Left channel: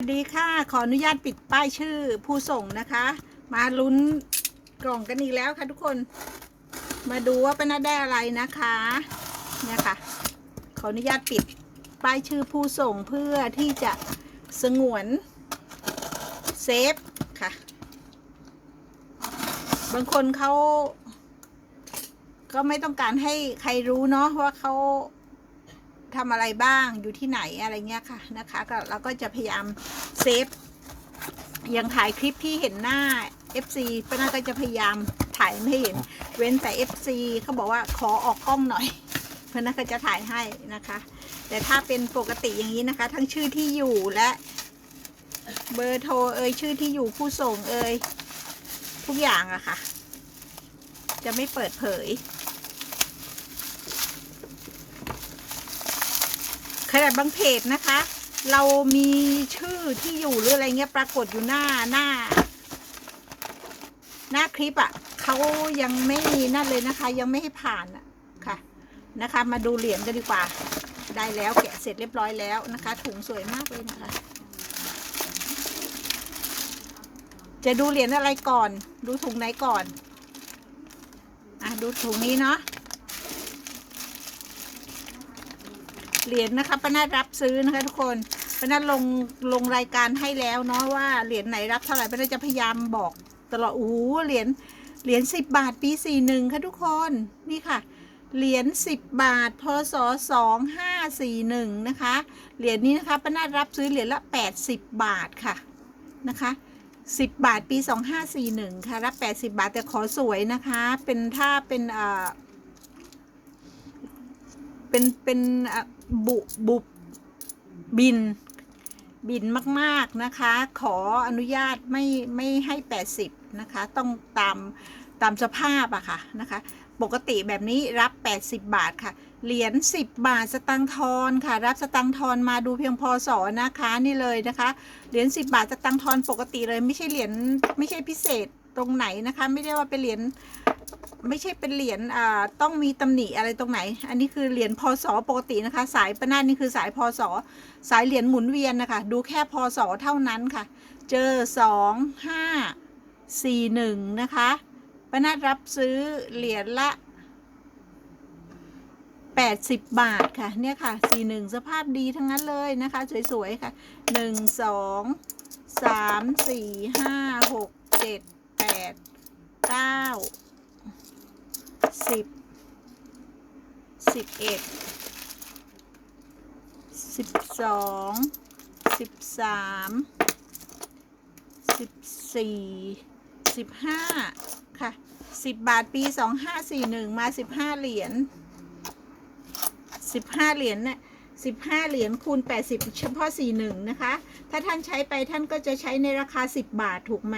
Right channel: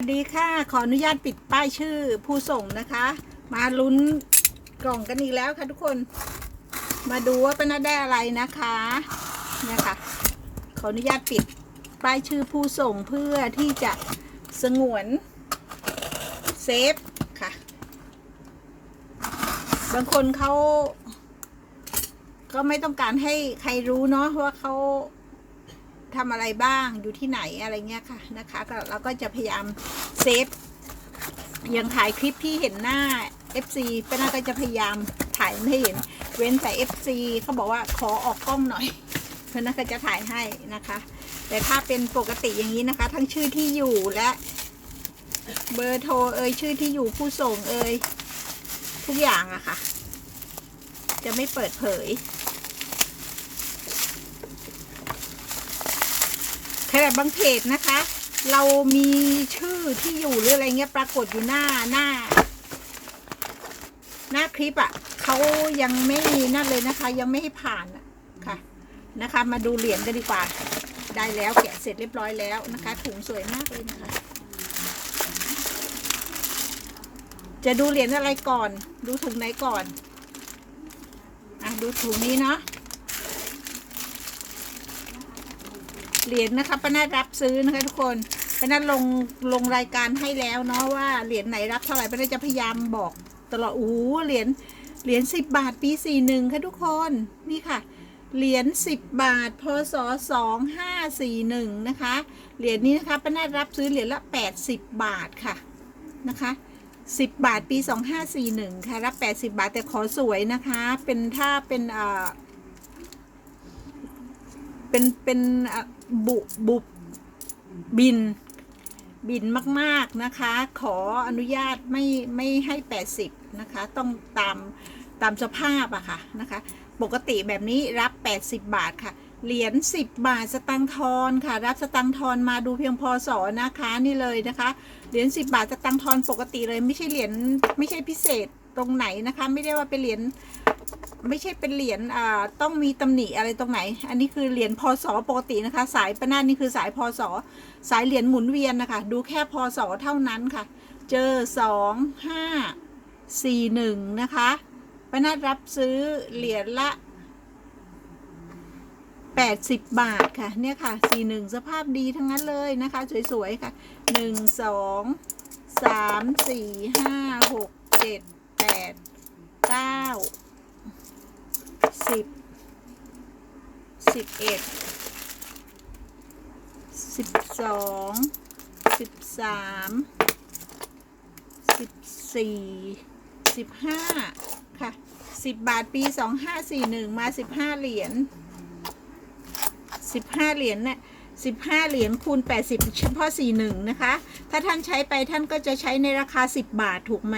สวัสดีค่ะ ขออนุญาตปิดป้ายชื่อผู้ส่งนะคะ มาลุ้นกล่องกันอีกแล้วค่ะทุกคน มาดูว่าเป็นได้อะไรนะคะเนี่ยค่ะ ขออนุญาตปิดป้ายชื่อผู้ส่งเพื่อที่จะสงวนเซฟค่ะ บางคนเขาก็ไม่ต้องการให้ใครรู้เนาะว่าเขา ทำอะไรบ้างอยู่ที่ไหนอะไรเงี้ยค่ะนะคะก็เราก็จะพยายามเซฟอย่างถ่ายคลิปที่เห็นหน้า FC ป้านาก็จะพยายามถ่ายไม่เห็น เว้นแต่ FC เขาบอกว่าขอออกกล้องหน่อยเพราะนั้นก็จะถ่ายให้นะคะ แต่ถ้าเป็นปกติอย่างนี้นะคะ ทั้งชื่อที่อยู่และเบอร์โทรเอ่ยชื่อที่อยู่ผู้ส่งเอ่ยทุกอย่างอะค่ะ จะไม่เปิดเผย ขนาดบางเพจนะคะ เรามีชื่อที่อยู่หรืออะไรเงี้ยปรากฏอยู่หน้าหน้า หน้าคลิปอะ่ะเขายังไม่นั่นเลยนะคะ ยังไม่ให้ผ่านอะค่ะนะคะ มาดูเหรียญกันดีกว่า ได้แล้วแกะเสร็จเรียบร้อยแล้วนะคะ ถุงสวยมากเลยนะคะ จะดูเหรียญอะไรก่อน ดูถุงไหนก่อนอะดูถุงนี้เนาะ เหรียญนะคะป้านารับซื้อนะคะทุกคนป้านาลงลงรายการให้แล้วเนาะว่าเหรียญไหนรับเท่าไหร่ป้านาจะพยายามบอกตลอดโอ้โหเหรียญเหรียญสิบบาทปีสี่หนึ่งค่ะทุกคนนี่ค่ะเหรียญสิบบาท พศสองห้าสี่หนึ่งนะคะ เหรียญนี้นะคะป้านารับซื้อเหรียญละแปดสิบบาทค่ะนะคะสิบบาทปีสองห้าสี่หนึ่งค่ะ รับแปดสิบาทแต่ขอสวยนะคะ เป็นถ้าเป็นอ่า เป็นเป็นบุบุบิน บินมาก ๆ นะคะ ขออนุญาตไม่ไม่ให้ 80 นะคะ ต้องตามตามสภาพอะค่ะนะคะ ปกติแบบนี้รับ 80 บาทค่ะ เหรียญ10 บาทสตังทอนค่ะ รับสตังทอนมาดูเพียงพอสอนะคะนี่เลยนะคะ เหรียญ10 บาทสตังทอนปกติเลยไม่ใช่เหรียญไม่ใช่พิเศษตรงไหนนะคะ ไม่ได้ว่าเป็นเหรียญ ไม่ใช่เป็นเหรียญอ่าต้องมีตำหนิอะไรตรงไหน อันนี้คือเหรียญพศปกตินะคะ สายประนาดนี่คือสายพศสายเหรียญหมุนเวียนนะคะ ดูแค่พศเท่านั้นค่ะ เจอสองห้าสี่หนึ่งนะคะประนาดรับซื้อเหรียญละแปดสิบบาทค่ะ เนี่ยค่ะสี่หนึ่งสภาพดีทั้งนั้นเลยนะคะ สวย ๆ ค่ะหนึ่งสองสาม สิบสิบเอ็ดสิบสองสิบสามสิบสี่สิบห้าค่ะสิบบาทปีสองห้าสี่หนึ่งมาสิบห้าเหรียญสิบห้าเหรียญเนี่ยสิบห้าเหรียญคูณแปดสิบเฉพาะสี่หนึ่งนะคะ ถ้าท่านใช้ไปท่านก็จะใช้ในราคาสิบบาทถูกไหม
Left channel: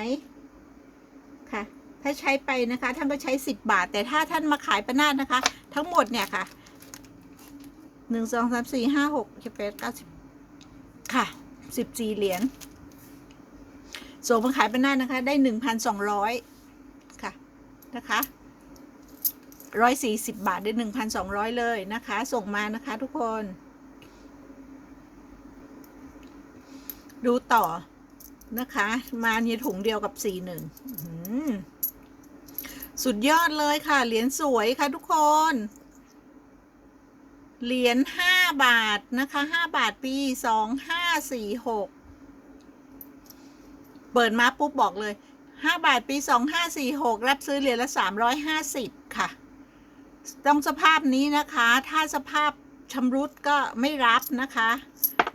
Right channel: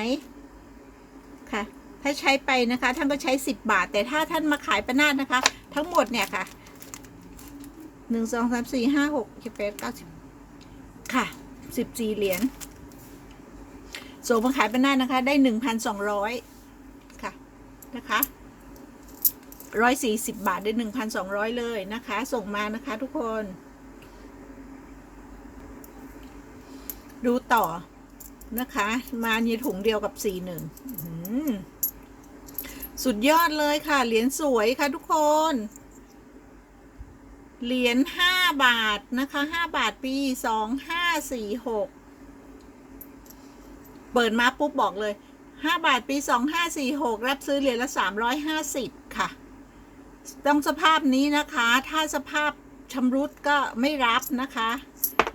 ค่ะ ถ้าใช้ไปนะคะ ท่านก็ใช้สิบบาท แต่ถ้าท่านมาขายประนาดนะคะ ทั้งหมดเนี่ยค่ะหนึ่งสองสามสี่ห้าหกเจ็ดแปดเก้าสิบค่ะสิบสี่เหรียญส่งมาขายประนาดนะคะ ได้หนึ่งพันสองร้อยค่ะนะคะร้อยสี่สิบบาทได้หนึ่งพันสองร้อยเลยนะคะ ส่งมานะคะทุกคน ดูต่อนะคะ มาในถุงเดียวกับสี่หนึ่ง สุดยอดเลยค่ะ เหรียญสวยค่ะทุกคน เหรียญห้าบาทนะคะห้าบาทปีสองห้าสี่หกเปิดมาปุ๊บบอกเลยห้าบาทปีสองห้าสี่หกรับซื้อเหรียญละสามร้อยห้าสิบค่ะ ต้องสภาพนี้นะคะ ถ้าสภาพชำรุดก็ไม่รับนะคะ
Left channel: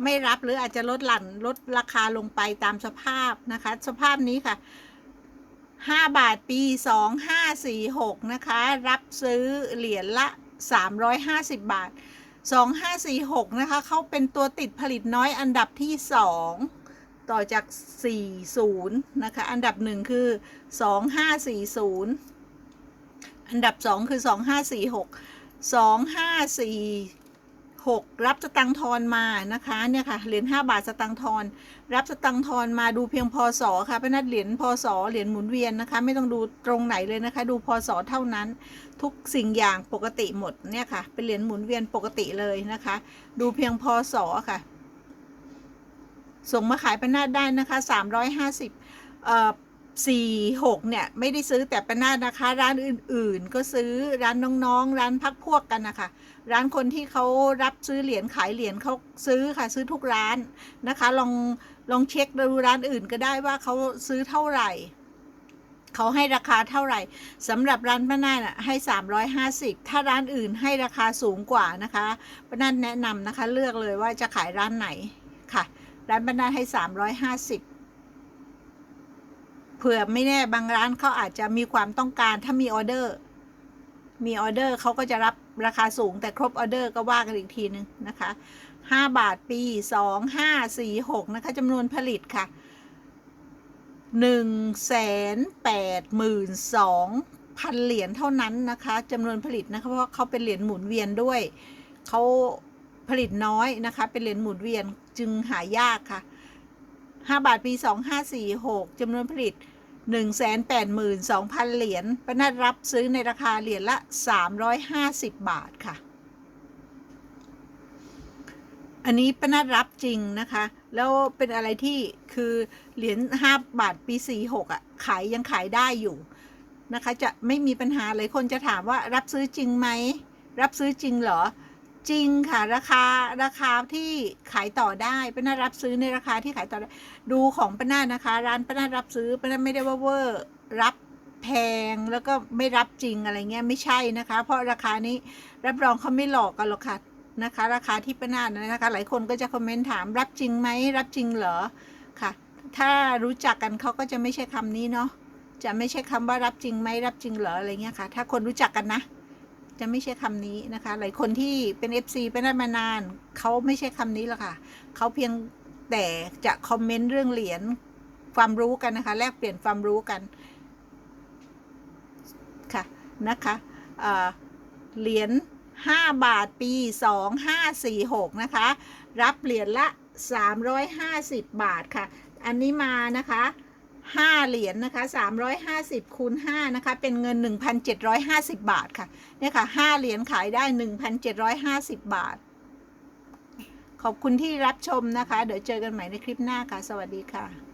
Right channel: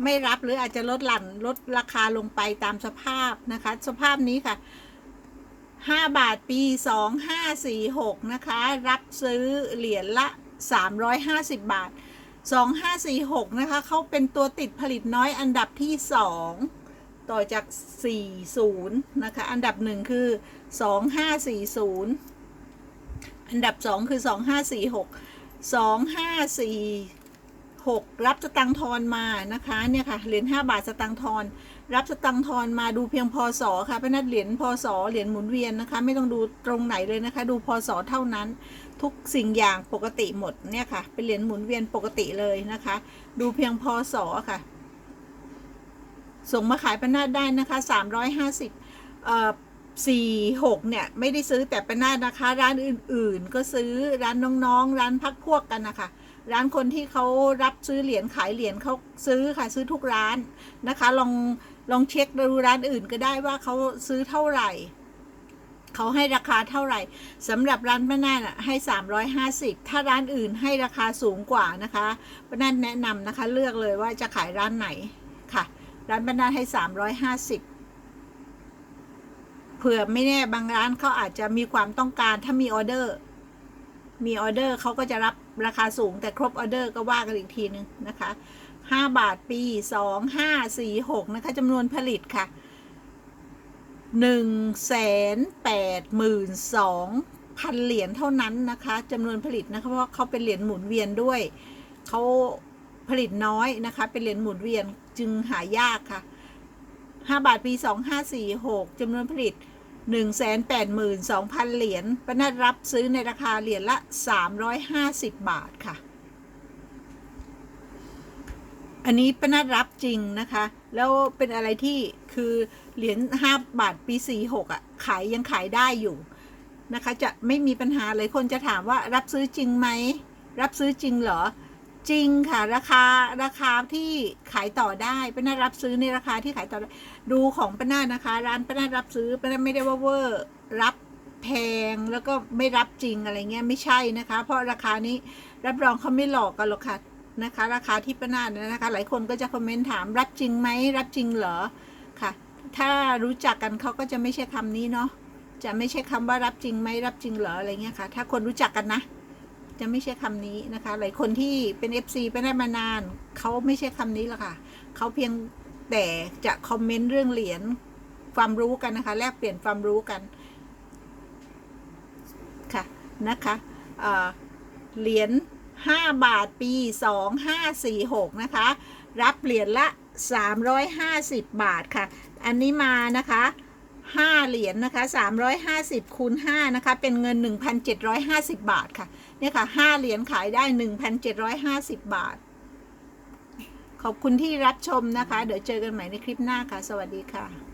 ไม่รับหรืออาจจะลดหลั่นลดราคาลงไปตามสภาพนะคะ สภาพนี้ค่ะ ห้าบาทปีสองห้าสี่หกนะคะ รับซื้อเหรียญละสามร้อยห้าสิบบาทสองห้าสี่หกนะคะ เขาเป็นตัวติดผลิตน้อยอันดับที่สองต่อจากสี่ศูนย์นะคะ อันดับหนึ่งคือสองห้าสี่ศูนย์อันดับสองคือสอ งห้าสี่หกรับสตังทอนมานะคะเนี่ยค่ะเหรียญห้าบาทสตังทอน รับสตังทอนมาดูเพียงพศค่ะเป็นนัดเหรียญพศเหรียญหมุนเวียนนะคะ ไม่ต้องดูตรงไหนเลยนะคะ ดูพศเท่านั้น ทุกสิ่งอย่างปกติหมดเนี่ยค่ะ เป็นเหรียญหมุนเวียนปกติเลยนะคะ ดูเพียงพศค่ะ ส่งมาขายป้านาดได้นะคะสามร้อยห้าสิบเอ่อสี่หกเนี่ย ไม่ได้ซื้อแต่ป้านาดนะคะ ร้านอื่นๆ ก็ซื้อร้านน้องๆ ร้านพักพวกกันนะคะ ร้านคนที่เขารับซื้อเหรียญขายเหรียญเขาซื้อค่ะซื้อทุกร้านนะคะ ลองลองเช็คดูร้านอื่นก็ได้ว่าเขาซื้อเท่าไหร่เขาให้ราคาเท่าไหร่สำหรับร้านป้านาดอะให้ 350 ถ้าร้านอื่นให้ราคาสูงกว่านะคะป้านาแนะนำนะคะเลือกเลยว่าจะขายร้านไหนค่ะ ร้านป้านาดให้ 350เผื่อไม่แน่บางร้านเขาอาจจะมีความต้องการถ้ามีออเดอร์ มีออเดอร์เขาก็จะรับราคาสูงแต่ครบออเดอร์ก็ว่ากันอีกทีนึงนะคะห้าบาทปีสองห้าสี่หกนะคะจำนวนผลิตค่ะหนึ่งแสนแปดหมื่นสองพันเหรียญเท่านั้นนะคะจำนวนผลิตนะคะเพราะเขาเป็นเหรียญหมุนเวียนด้วย เขาผลิตน้อยนะคะ เป็นเหรียญหมุนเวียนจึงหายากค่ะห้าบาทปีสองห้าสี่หกจำนวนผลิต1 8 2 0 0 0 เหรียญปนัดรับซื้อในราคาเหรียญละ 350 บาทค่ะ อันนี้ปนัดรับจริงนะคะ แล้วเป็นอะไรที่คือเหรียญ5บาทปี 46อะ ขายยังขายได้อยู่นะคะ จะไม่มีปัญหาเลยคนจะถามว่ารับซื้อจริงไหม รับซื้อจริงเหรอ จริงค่ะ ราคาราคาที่ขายต่อได้ปนัดรับซื้อในราคาที่ขายต่อได้ดูของป้านานะคะ ร้านป้านารับซื้อป้านาไม่ได้ว่าเวอร์รับแพงแล้วก็ไม่รับจริงอะไรเงี้ยไม่ใช่นะคะ เพราะราคานี้รับรองเขาไม่หลอกกันหรอกค่ะนะคะ ราคาที่ป้านาดนะคะ หลายคนก็จะคอมเมนต์ถามรับจริงไหมรับจริงเหรอค่ะ ถ้ารู้จักกันเขาก็จะไม่ใช่คำนี้เนาะจะไม่ใช่คำว่ารับจริงไหมรับจริงเหรออะไรเงี้ยค่ะ ถ้าคนรู้จักกันนะ จะไม่ใช่คำนี้นะคะ หลายคนที่เป็น FC เป็นได้มานาน เขาไม่ใช่คำนี้หรอกค่ะ เขาเพียงแต่จะคอมเมนต์เรื่องเหรียญความรู้กันนะคะ แลกเปลี่ยนความรู้กัน ค่ะ นะคะเอ่อเหรียญ5 บาทปี 2546 นะคะ รับเหรียญละ 350 บาทค่ะ อันนี้มานะคะ 5 เหรียญนะคะ 350คูณ5นะคะ เป็นเงิน 1,750 บาทค่ะ เนี่ยค่ะ 5 เหรียญขายได้ 1,750 บาท ขอบคุณที่รับชมนะคะ เดี๋ยวเจอกันใหม่ในคลิปหน้าค่ะ สวัสดีค่ะ